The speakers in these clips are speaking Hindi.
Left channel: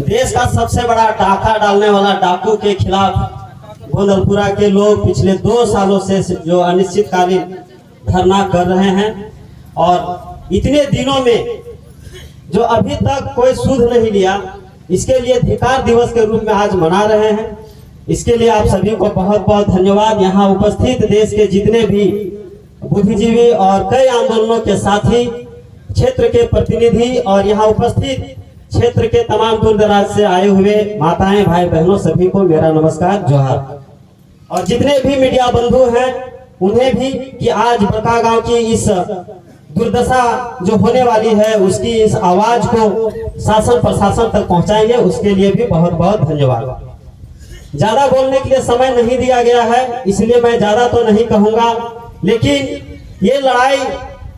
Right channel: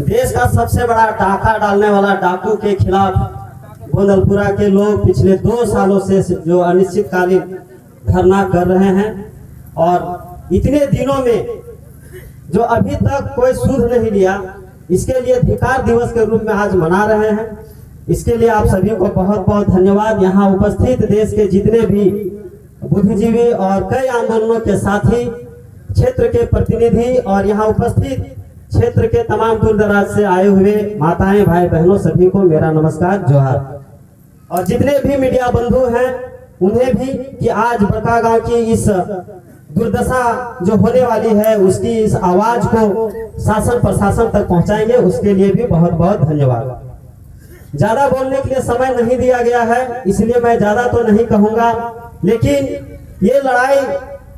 देश का सबसे बड़ा डाका डालने वाला डाकू के खिलाफ गोंदलपुरा के लोग पिछले 2 सालों से जो अनिश्चितकालीन धरना कर रहे हैं और इतने दिनों में जो अभी तक कोई सुध नहीं लिया, इसके लिए धिक्कार दिवस के रूप में आज मना रहे हैं। इसके लिए आप सभी को बहुत बहुत धन्यवाद। यहाँ उपस्थित देश के जितने भी बुद्धिजीवी और कई आंदोलनों के साथी, क्षेत्र के प्रतिनिधि और यहाँ उपस्थित क्षेत्र के तमाम दूर दराज से आए हुए माताएं, भाई बहनों, सभी को मेरा नमस्कार, जोहार। और जितने भी मीडिया बंधु हैं उन्हें भी कि आज बड़कागांव की इस दुर्दशा जो होने वाली है उसकी इस आवाज को शासन प्रशासन तक पहुंचाएंगे, उसके लिए भी बहुत बहुत धन्यवाद। ज्यादा बोलने के लिए समय नहीं दिया गया है, इसलिए मैं ज्यादा तो नहीं कहूंगा, लेकिन ये लड़ाई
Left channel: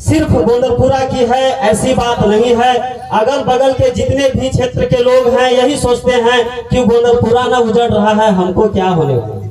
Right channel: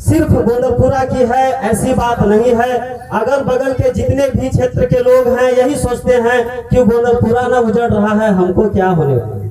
सिर्फ गोंदलपुरा की है ऐसी बात नहीं है। अगल बगल के जितने भी क्षेत्र के लोग हैं यही सोचते हैं कि गोंदलपुरा ना उजड़ रहा है, हमको क्या होने वाला है।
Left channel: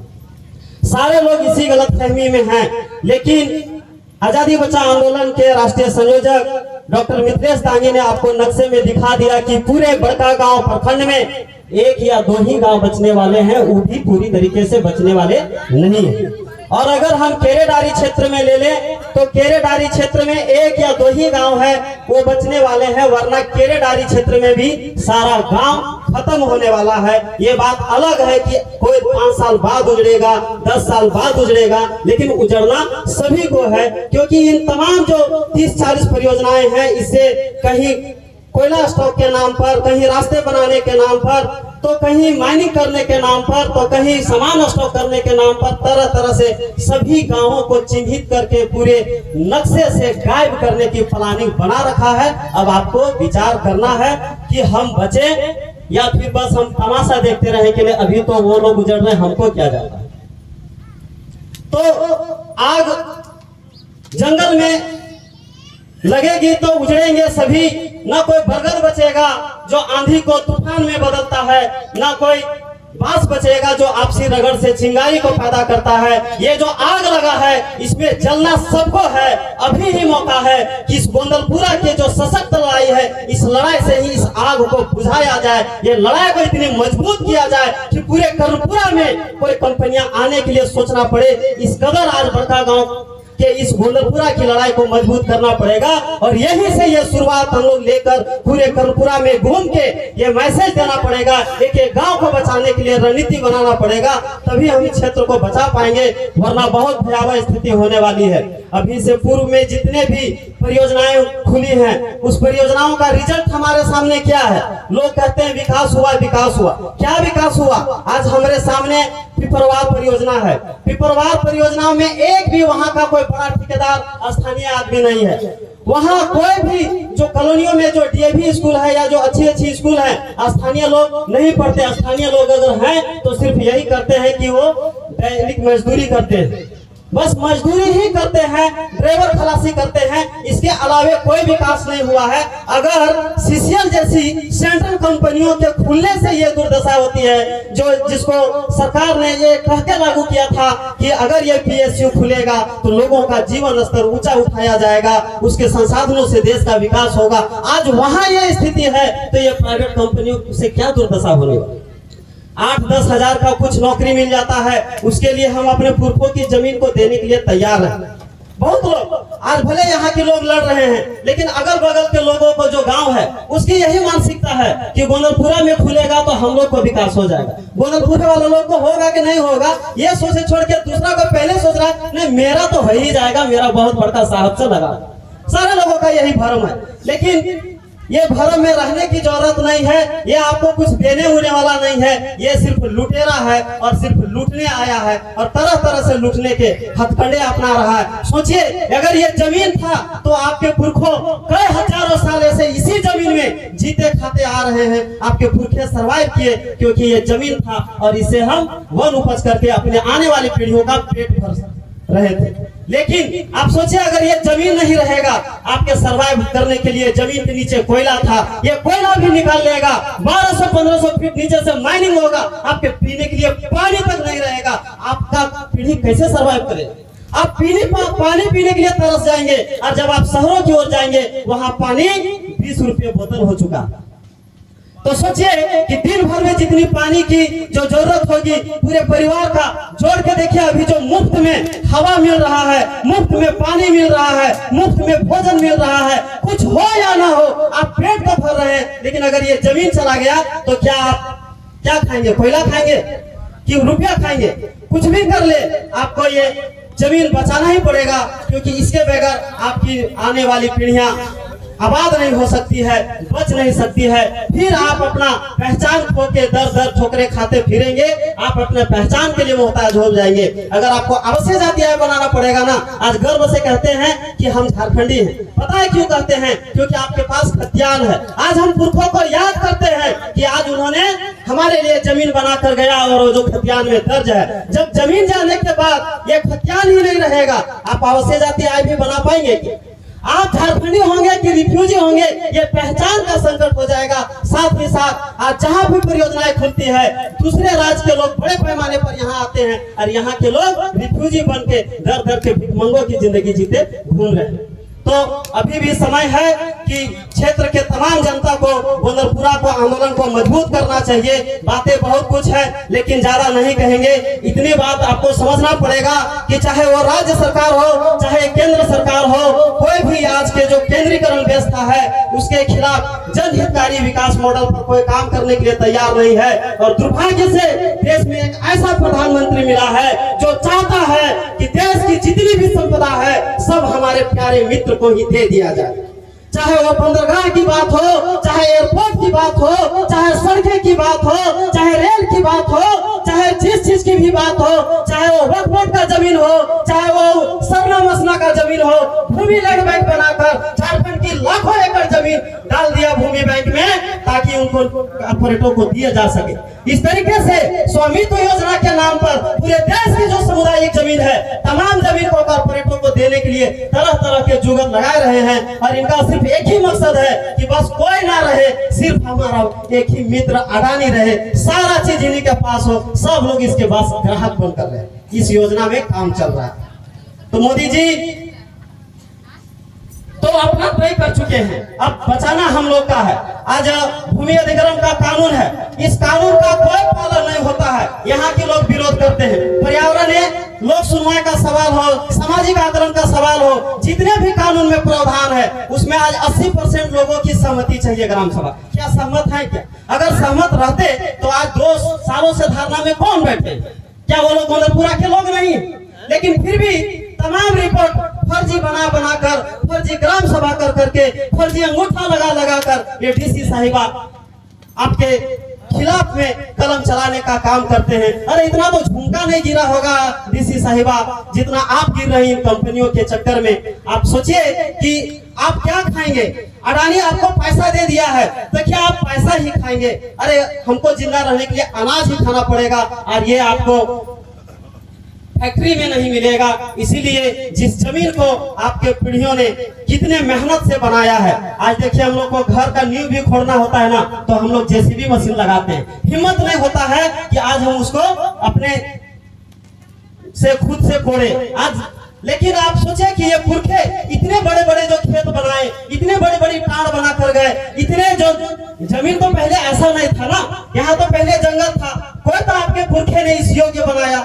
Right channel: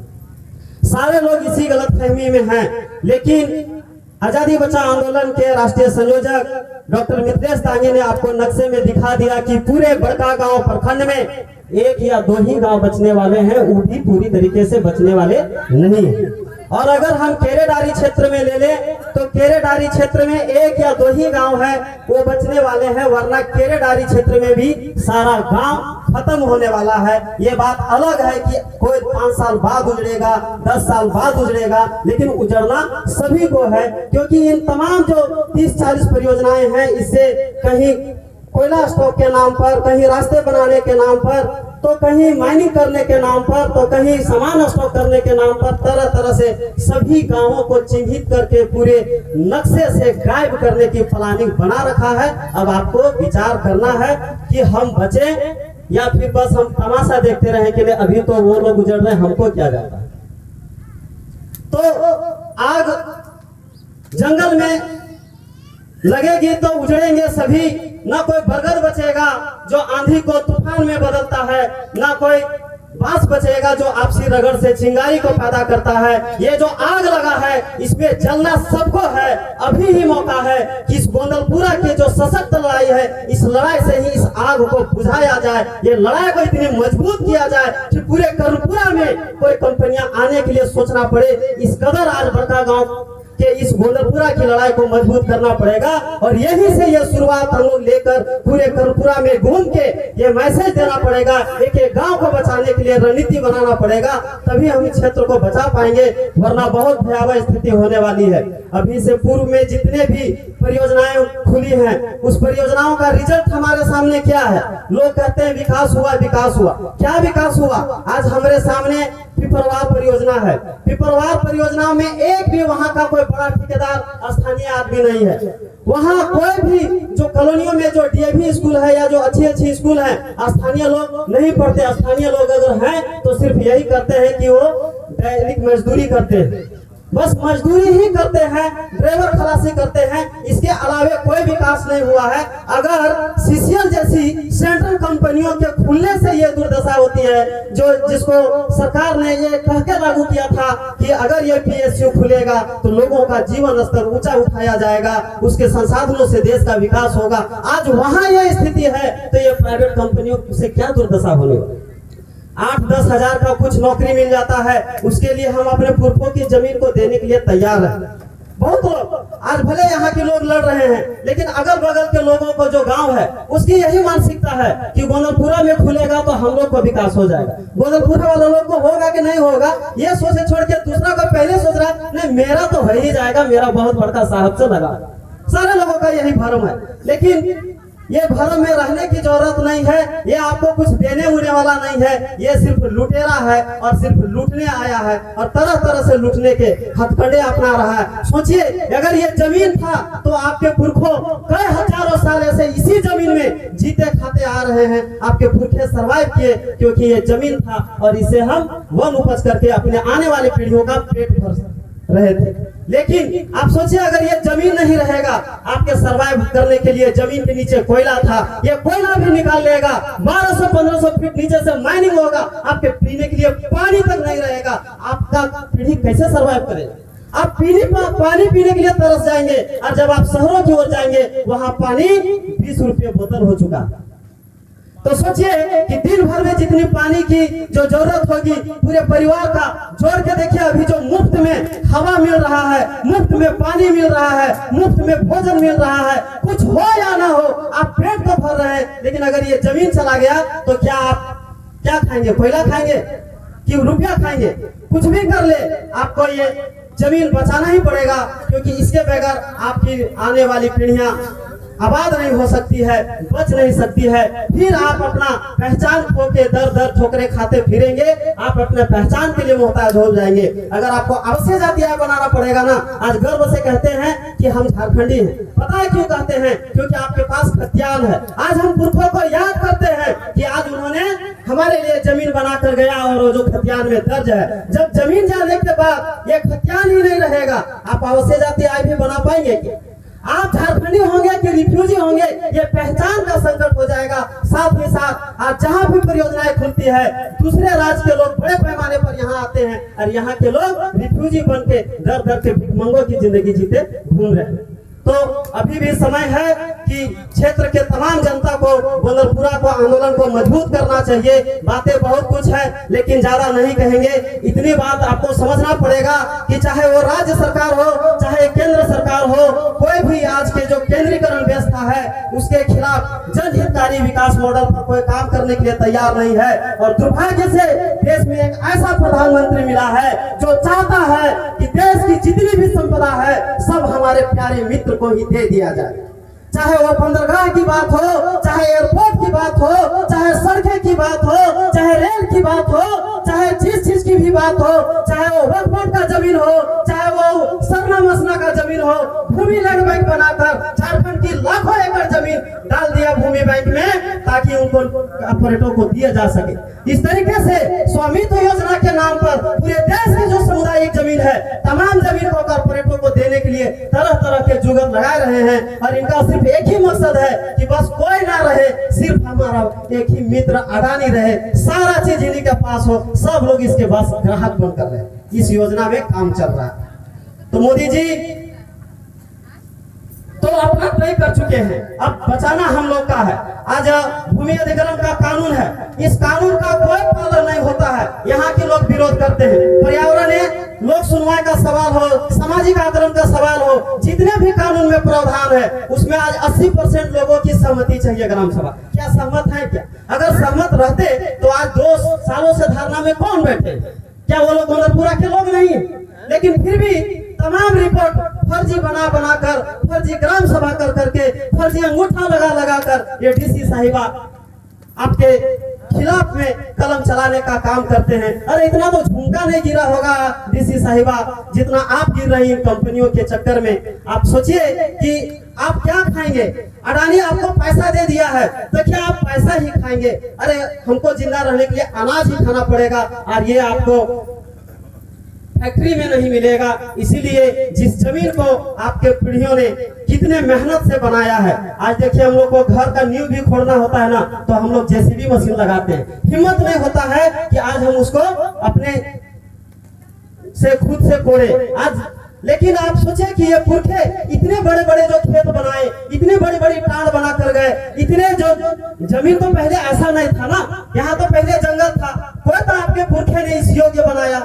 सारे लोग इसी गलतफहमी में हैं। लेकिन आजादी बचा आंदोलन के राष्ट्रीय संयोजक डॉक्टर मित्रेश तांगी ने आपको नक्शे में दिखा दिया कि पूरे बड़कागांव प्रखंड में 1 या 2 ही गांव बचने वाले हैं, वो भी पूरी तरीके से बचने वाले नहीं है। और अगर हम केरेडारी क्षेत्र में ले लें तो केरेडारी क्षेत्र में 1 या 2 ही गांव है वो बचने वाले हैं, वरना केरेडारी क्षेत्र में भी सारा गांव खत्म होने वाला है। ये बात अलग है कि कोई 5 साल बाद उजड़ेगा, 10 साल बाद उजड़ेगा, लेकिन उजड़ना सभी को है, क्योंकि इन तमाम जो 30-40 परियोजनाएं हैं, इससे कहीं कोयला स्टॉक के नाम पर, कहीं रास्ते बनाने के नाम पर, तो कहीं माइनिंग करने के नाम पर, तो कहीं सामान स्टॉक करने के नाम पर तरह तरह से सभी गांवों को चिन्हित करके पूरे नक्शे से गायब करने की प्लानिंग बना रखा है। अब आपको विचार करना है कि हम बचे या फिर बस हम तमाशा देखते रहे कि अभी तो वो लोग गुजर रहे, हमको क्या जाता है। तो आग जंगल में लगेगी तो उजड़ेंगे सभी, ना कोई बरगद बचेगा जो आंधी को तूफान में बदलता है, ना कोई बांस बचेगा जो आपसी रगड़ से चिंगारी को पैदा करता है। ये जो आग लगा है इसमें जलना सबको है। अभी ही मौका है कि इस गोंदलपुरा के जो सशक्त लड़ाई है, इस लड़ाई से ही इस आग को बुझाया जाए। ये लड़ाई को इतनी मजबूत किया जाए कि पूरे कर्णपुरा में कोई कंपनियां आने के लिए सोचना पड़े। इस कदर आज बड़कागांव कि इस गोंदलपुरा की लड़ाई को मजबूत करना पड़ेगा। और यहीं से ये शुरुआत हम लोग लेकर पूरे कर्णपुरा में घूम के ये मैसेज देना पड़ेगा, एक गांव को बचाने के लिए रणनीति बनाना पड़ेगा, तभी हम इस क्षेत्र को बचा पाएंगे, वरना बहुत भयावह स्थिति होने वाली है। अभी से पूर्व में जितने भी परियोजनाएं खुली हैं, उस परियोजनाओं का रिजल्ट हमारे सामने क्या है? लोग कहते हैं विकास हुआ, विकास हुआ। क्या विकास हुआ? आज हमारे सामने पिपरवार परियोजना है। पिपरवार परियोजना में एक भी वहां का कोई बड़ा ठेकेदार स्थानीय आदमी नहीं है। वहां कोई भी जो कॉलोनियों में जो डीएवी स्कूल है या जो अच्छी स्कूल है, स्थानीय लोग नहीं पढ़ते। स्थानीय लोग अगर हैं तो सिर्फ यही करते हैं कि वो दैनिक मजदूरी करते हैं, बस मजदूरी ही करते हैं, ड्राइवर खलासी करते हैं, इसके अलावे कोई विकास नहीं हुआ है। अगर सीसीएल जैसी सेंट्रल कंपनियों के खुलने से ये दुर्दशा होती है, जो जिसको सरकार ने ये कहकर लागू किया था कि अगर ये पीएसयू खुलेगा तो लोगों का जीवन स्तर ऊंचा उठाया जाएगा, उसके संसाधनों से देश का विकास होगा। आज वहां ये स्थिति है तो ये प्राइवेट कंपनियों से क्या दुर्दशा होने वाली? 8-10 हजार का कुछ नौकरी मिल जाता है, उसके लिए हम अपने पुरखों की जमीन को देने के लिए तैयार हैं। बहुत लोग आज भले यहाँ के लोग लड़ रहे हैं, लेकिन अगल बगल के लोगों को जो गांव है उसकी यही मानसिकता है कि गोंदलपुरा में खुलेगा तो हम लोग को विकास हो जाएगा। गोंदलपुरा वाले लोग को होगा कि नहीं होगा ये सोचे छोड़ के दूसरा को पहले सोच रहा है नहीं मेरा तो हो ही जाएगा, मेरा बहुत बड़का साहब से लगा। सारे लोगों का यही भ्रम है, लेकिन ये भरम में रहने की जरूरत नहीं है। ये आपको कुछ देने उड़ने वाला नहीं है, ये सिर्फ लुटेरा है और सिर्फ लूटने आया है और तरह तरह से लूटने के हथकंडे अपना रहा है। सोचिए अगर ये जमीन था तो आपके पुरखों कई हजारों साल से इसी जमीन में जीते खाते आ रहे हैं। आपके पुरखे सरवाइव किए क्योंकि ये जमीन था और इसे हम वन उपज करके अपने आने वाली पीढ़ियों का पेट भर रहे थे। लेकिन आप सोचिए अगर ये जमीन नहीं रहेगा, आपके सरवाइव करने के लिए जमीन के नीचे कोयला था, ये कोयला भी निकाल लेगा, 1200-1500 फीट नीचे से माइनिंग होगा, आपके पीने के लिए पानी तक नहीं रहेगा। आपका पीढ़ी कैसे सरवाइव करेगा? आप पानी पीने के लिए तरस जाएंगे। और जब आप शहरों की ओर जाएंगे वहां पानी 20 रुपये बोतल हो चुका। तो सोचिए कि दिन भर में जितनी पानी की जो जरूरत होगी पूरे परिवार का जोड़ के देखिए, अभी जो मुफ्त में हवा मिल रहा है, मुफ्त में पानी मिल रहा है, मुफ्त में भोजन मिल रहा है, कुछ हो या ना हो आप पेट तो भर रहे हैं, लेकिन अगर ये जमीन चला गया तो क्या आप क्या खाएंगे? कोयला खाएंगे कि रुपया खाएंगे? कुछ भी कर ले आपको ये जमीन बचाना ही पड़ेगा, क्योंकि इसके बगैर आपकी आने वाली पीढ़ियां आबाद नहीं हो सकती है, बच नहीं सकती है। फिर आप अपना पहचान खो के दर दर ठोकरे खाते फिरेंगे, आप अपने पहचान के लिए मोहताज हो जाएंगे। अगर आपको अवश्य जाति आय बनाना पड़ेगा ना, आज गर्व से कहते हैं कि हम झारखंडी हैं। पता है क्यों कहते हैं? क्योंकि आपके पास खतियान है। आज हम पुरखों को याद करते हैं कि आज उन्होंने हमारे लिए जमीन बना कर गया, और वो जो खतियान में दर्ज है, जब जमीन जाने के बाद ये खतियान ही नहीं रहेगा, आप अवश्य जाति आय भी बना पाएंगे? आप झारखंडी होंगे कि रिफ्यूजी होंगे, ये पहचान का संकट हो जाएगा। साथ ही साथ आज जहाँ भी परियोजनाएं खुलती है, दूसरे राज्य के लोग बड़े पैमाने पर यहाँ आते हैं, और यहाँ के लोग रिफ्यूजी बन के दर दर के भिखमंगों की जिंदगी जीते घूम रहे हैं। तो अभी भी समय है कि क्षेत्र के तमाम जनता को, गोंदलपुरा को, आंदोलन को मजबूत करना चाहिए। बातें बहुत कुछ है, लेकिन ज्यादा नहीं कहेंगे। इतनी बात आपको समझना पड़ेगा कि चाहे वो राज्य सरकार हो, चाहे केंद्र सरकार हो, कोई भी आज के जो केंद्रीकरण व्यवस्था है उसके खिलाफ जनहितकारी विकास मॉडल पर कोई काम करने के लिए तैयार नहीं है। और दुर्भाग्य से देश में एक ऐसा प्रधानमंत्री मिला है जो चाहता है कि देश की जितनी भी संपदा है सब हमारे प्यारे मित्र को ही दे दिया जाए। चाहे वो बंदरगाह की बात हो, चाहे एयरपोर्ट की बात हो, चाहे सड़कें की बात हो, चाहे रेल की बात हो, चाहे जिस चीज की भी बात हो, चाहे वो वक्फ बोर्ड का जमीन हो, चाहे वो सरना मसना का जमीन हो, भूमि लैंड बैंक बनाकर झारखंड की लाखों एकड़ जमीन डाल दिया भूमि बैंक में, ताकि उनको पर्यटकों को दिया जा सके। इस तरीके से स्वामित्व योजना के नाम पर पूरे देश की जो सामुदायिक जमीन है, तमाम जमीन को कॉर्पोरेटों को देने के लिए तरह तरह के जुगत लगाए रहे हैं, और इनका सिर्फ एक ही मकसद है कि बस कोई ना रहे, सिर्फ हमारा एक ही मित्र अडानी रहे, सारा चीज इन्हीं के पास हो, सब लोग इसके बस ग्राहक बनकर रहे। इस योजना में काम चल रहा है। तो मोदी जी तो अपना तय कर चुके हैं, अब बचाना हम लोग का है। आज भूमि अधिग्रहण का कानून है, इस कानून का कोई पालन नहीं होता है, यहाँ के लोग विरोध करते हैं। पर्यावरण लोक सुनवाई का सवाल हो, सामाजिक आंदोलन का सवाल हो, जितने भी कानून में प्रावधान है उसमें आज 80% लोगों की सहमति चाहिए ग्राम सभा। क्या सहमत है? क्या अगर सहमत रहते तो आज 2 सालों से धरना में कौन बैठे? क्या वो लोग गोंदलपुरा के लोग नहीं है? लेकिन फिर भी तमाम रिपोर्ट फर्जी बना कर, फर्जी ग्राम सभा कर करके, फर्जी अंगूठा लगा कर ये डीसी साहिबा आपके खिलाफ में कलम चलाने का काम करते हैं। अरे इतना तो झुमका नहीं गिरा होगा डीसी साहिबा जितना आप गिर रही इन कंपनियों के चक्कर में। आप सोचिए कि आप क्या खाएंगे? अडानी आपको पैसा दे दिया है तो क्या आप पैसा ही खाएंगे? अरे हमको जिंदा रहने के लिए अनाज ही खाना पड़ेगा, और ये आपको फैक्ट्री में नहीं मिलेगा। इसीलिए जिस जमीन को आपके पीढ़ियों ने कितने मेहनत से बनाया है, आज देखिए हम लोग को घर का नींव भी खोदना होता है ना, तो हम लोग जेसीबी मशीन लगाते हैं। हिम्मत नहीं होता है कि आज हम उसको अपने से खुद से कोड़े आज। लेकिन आप सोचे कि ये पुरखे इतने बड़े बड़े जो खेत बनाए, इतने बड़ी बड़ी टाड़ बना कर गए, इतने जो जमीन तो पहले ऐसा नहीं था ना, यहाँ तो पहले जंगल था, कोई तो आपके पुरखे ने इस योग्य बनाया।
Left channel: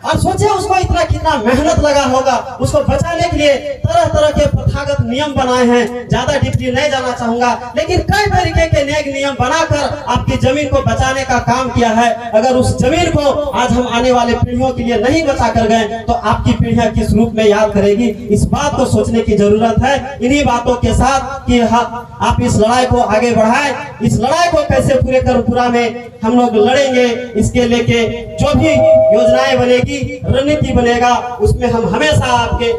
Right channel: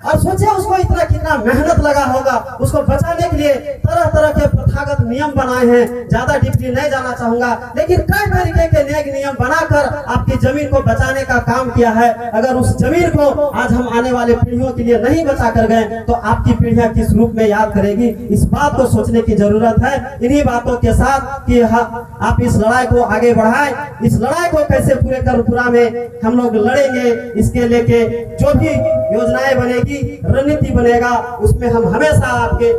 और सोचे उसको इतना कितना मेहनत लगा होगा, उसको बचाने के लिए तरह तरह के प्रथागत नियम बनाए हैं। ज्यादा डीपली नहीं जाना चाहूंगा, लेकिन कई तरीके के नेक नियम बनाकर आपकी जमीन को बचाने का काम किया है। अगर उस जमीन को आज हम आने वाले पीढ़ियों के लिए नहीं बचा कर गए तो आपकी पीढ़ियां किस रूप में याद करेगी? इस बात को सोचने की जरूरत है। इन्हीं बातों के साथ कि आप इस लड़ाई को आगे बढ़ाएं, इस लड़ाई को कैसे पूरे कर्मपुरा में हम लोग लड़ेंगे, इसके लेके जो भी योजनाएं बनेगी, रणनीति बनेगा, उसमें हम हमेशा आपके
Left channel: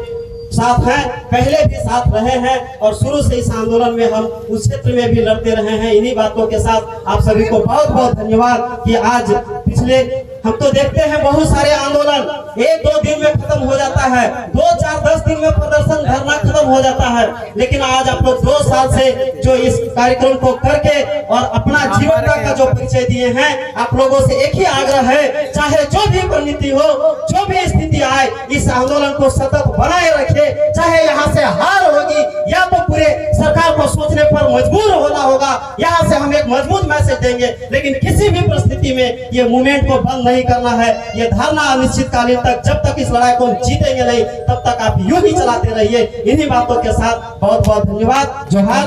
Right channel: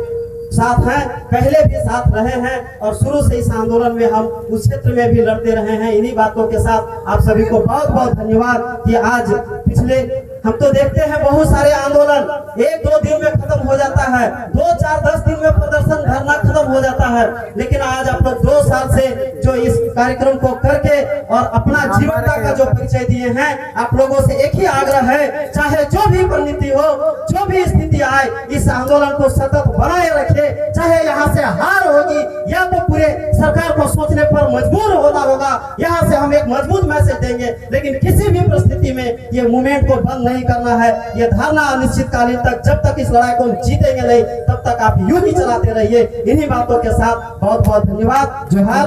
साथ हैं, पहले भी साथ रहे हैं, और शुरू से इस आंदोलन में हम उस क्षेत्र में भी लड़ते रहे हैं। इन्हीं बातों के साथ आप सभी को बहुत बहुत धन्यवाद कि आज पिछले हम तो देखते हैं बहुत सारे आंदोलन 1-2 दिन में खत्म हो जाता है, 2-4-10 दिन में प्रदर्शन धरना खत्म हो जाता है। लेकिन आज आप लोग 2 साल से जो इस कार्यक्रम को करके और अपना जीवनता का जो परिचय दिए हैं, आप लोगों से एक ही आग्रह है, चाहे जो भी परिणति हो, जो भी स्थिति आए, इस आंदोलन को सतत बनाए रखे। चाहे यहाँ से हार होगी या तो पूरे सरकार को सोचने पर मजबूर होना होगा, यहाँ से हम एक मजबूत मैसेज देंगे, लेकिन किसी भी परिस्थिति में ये मूवमेंट को बंद नहीं करना है। ये धरना अनिश्चितकालीन तक, जब तक इस लड़ाई को हम जीतेंगे नहीं, तब तक आप यूं ही चलाते रहिए। इन्हीं बातों के साथ बहुत बहुत धन्यवाद। जोहार।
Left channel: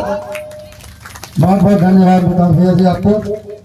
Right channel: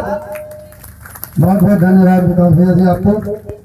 बहुत बहुत धन्यवाद विकास भैया जी आपको।